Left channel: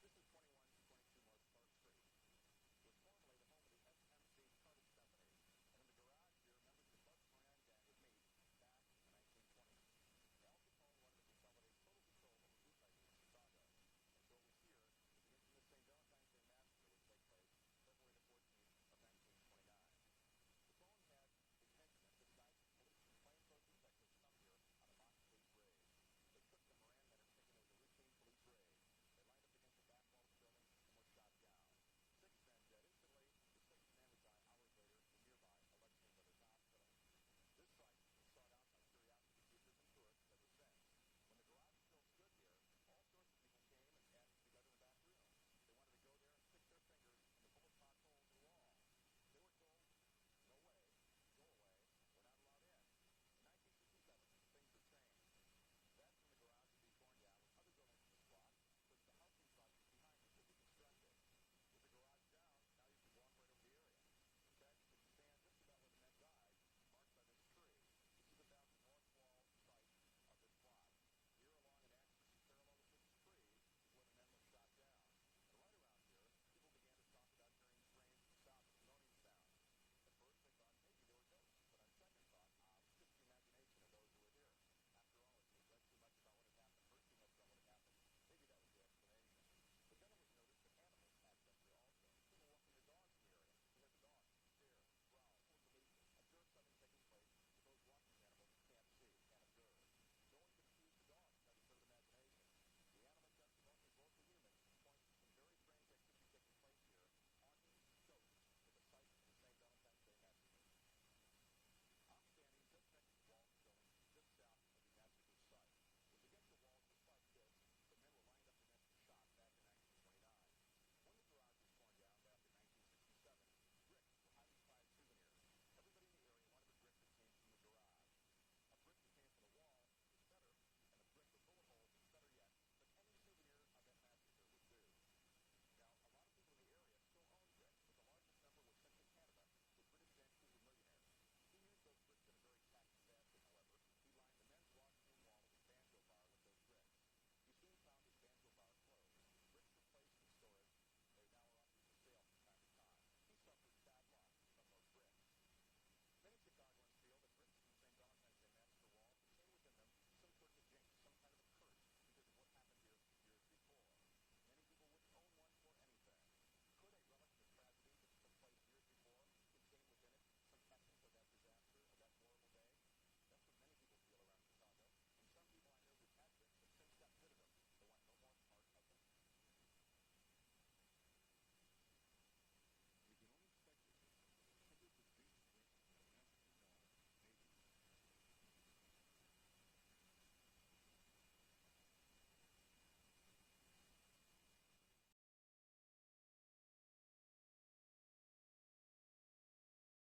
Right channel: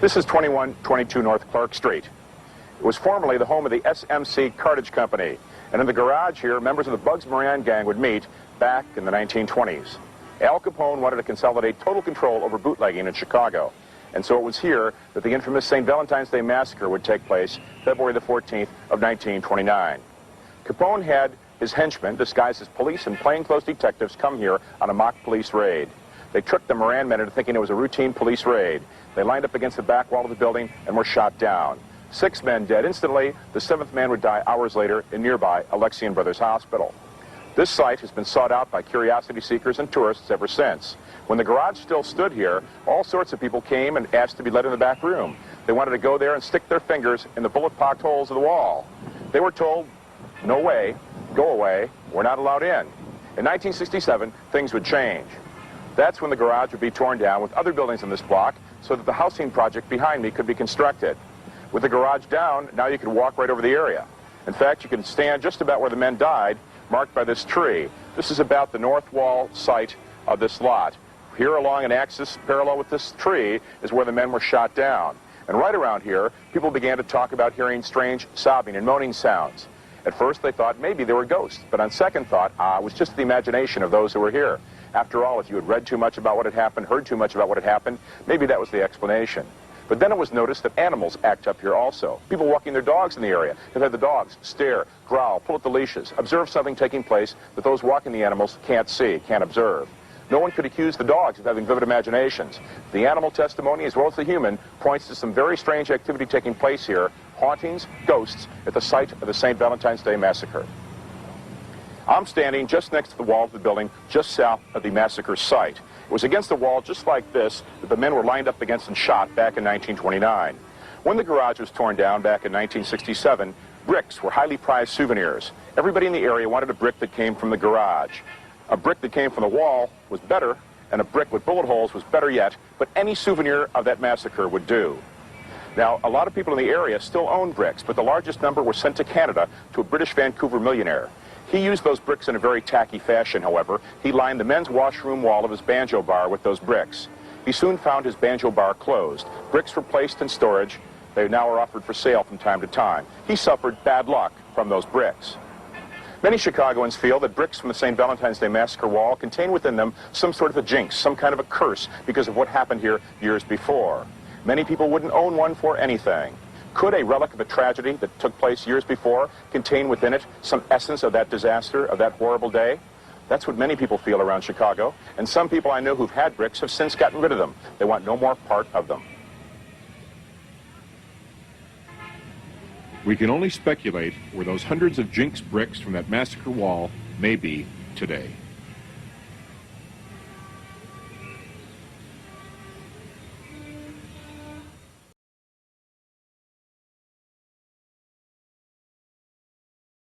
This is 2122 North Clark Street. It was formerly the home of the S.M.C. Cartage Company, and in the garage here, members of the Bugs Moran gang would meet back in the 1920s. Al Capone wanted to consolidate total control over bootlegging in Chicago, and so it was here that the infamous St. Valentine's Day Massacre would take place February the 14th of 1929. Capone had his henchmen, disguised as police and plainclothes detectives, come here on a mock police raid. They tricked the Moran men into thinking it was a routine police raid. They lined up against the back wall of the building and were shot down. 6 men dead instantly. The 7th man would die hours later in nearby Alexian Brothers Hospital. This site has been sought out by curiosity seekers and tourists ever since. When the garage still stood here, all sorts of people came and asked to be let in the back room. They wanted to go there and stick their fingers in the bullet-pocked holes of the wall. They were told, no way, go away, we're not allowed in. In 1967, things would change. That's when the garage would be torn down with other buildings in this block so that the housing project behind me could be constructed. With the garage down, now you could walk right over the area. In fact, you can stand just about where the men died, marked by this tree. This is about the north wall site of this lot. Here along an axis parallel with this tree is where the men were shot down. And right around here, people began to talk about hearing strange sobbing and moaning sounds. At first they thought maybe they were ghosts, but on second thought, it was just the imagination of those who were here. After all, if you had read too much about what had happened, heard too much about what had happened, maybe that was the explanation. But then it was noticed that animals act up here also. People walking their dogs in the area have had the dogs stare, growl, pull at the leashes, observe something taking place that those walking the animals can't see, can't observe. No one could accuse the dogs of having vivid imaginations. The animal testimony, as well as the human, points to some very strange activity taking place here, hauntings, ghosts, at the site of the St. Valentine's Day Massacre. I'm standing just next to the wall of the building, just south of the massacre site. It was against the wall just like this that the men were lined up against and shot back in 1929. When the garage was torn down back in 1967, bricks were highly prized souvenirs. Everybody in the area wanted a brick that came from the garage. A brick that came from the wall was better, and a brick with bullet holes was better yet, but any souvenir of that massacre would do. Now, a lot of people in the area still own bricks, but the largest number were sent to Canada to a British Vancouver millionaire. He used those bricks in a very tacky fashion, however. He lined the men's washroom wall of his banjo bar with those bricks. He soon found his banjo bar closed. Bricks were placed in storage. They now are offered for sale from time to time. He suffered bad luck from those bricks. Many Chicagoans feel that bricks from the St. Valentine's Day Massacre wall contain within them some sort of a jinx, some kind of a curse because of what happened here years before. Many people wouldn't own one for anything. Could a relic of a tragedy that took place years before contain within it some essence of that disaster, of that horrible day? That's what many people feel around Chicago, and some people I know who've had bricks have since gotten rid of them. They want no more part of them. We can only speculate where those hundreds of jinx bricks from that massacre wall may be today.